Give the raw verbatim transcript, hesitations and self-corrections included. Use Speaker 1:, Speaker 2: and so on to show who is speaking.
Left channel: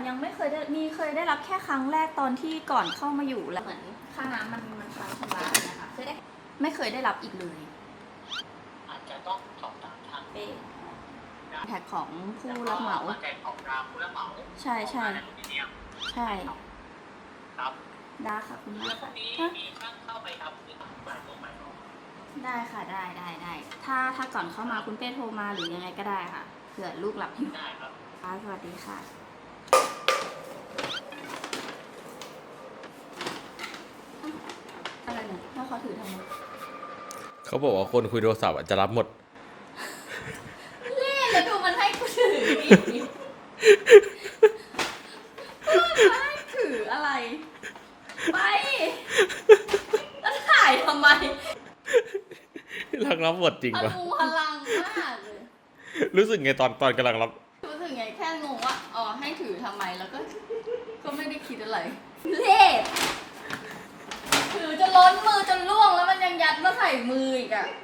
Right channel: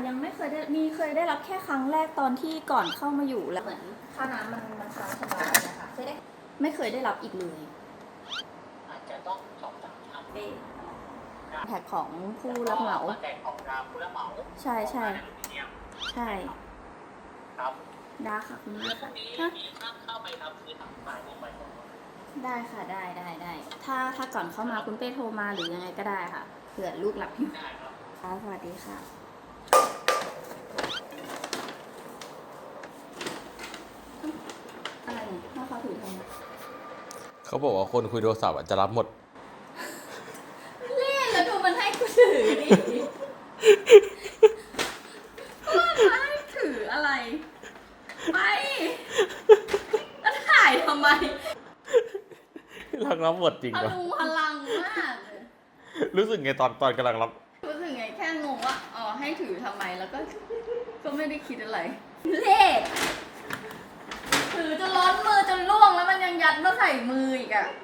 Speaker 1: ยังไม่เคยได้มีเคยได้รับแค่ครั้งแรกตอนที่ก่อนเข้ามาอยู่แล้วเหมือนค่าน้ำมันมันค้างชำระนะคะเคยได้ไม่เคยได้รับอีกเลย
Speaker 2: อาจจะต้องสอบถามทาง
Speaker 1: เป้แพ็คของผู้รับเหมา
Speaker 2: แพ็คของผู้รับเหมา
Speaker 1: ใช่ใช่ใช่
Speaker 2: ครับ
Speaker 1: ได้ค่ะคุณแม่ค่ะ
Speaker 2: มีช่างเข้าไปทำคือทำบ่ายโมงบ่ายโมง
Speaker 1: ได้ค่ะได้ได้ได้ถ้าถ้าก่อนเข้ามาคุณเป้โทรมาหรือยังไงก็ได้ค่ะเผื่อลูกหลับอยู่
Speaker 2: ได้ครับ
Speaker 1: ค่ะสวัสดีค่ะอะไรเนี่ยถ้าเขาถือทำไม
Speaker 3: เขาบอกว่าคนคุยโทรศัพท์จะรับหมด
Speaker 1: เล่นแล้วดูมันให้กูถือดิมันให้ถืออะไรไปแล้วถ่ายทำไม
Speaker 3: รักรับหมดจริง
Speaker 1: พ
Speaker 3: ปะ
Speaker 1: ลุงพลังมาก
Speaker 3: รู้สึกไงตอนตอนกำลังรับ
Speaker 1: รู้สึกไงแค่งงว่าอ๋อให้ถือทำไมแล้วก็ก็ไม่ได้คิดอะไรเล่ถือจนล้นมือจนล่วงแล้วมันยังยัดมาใส่มืออีกอะ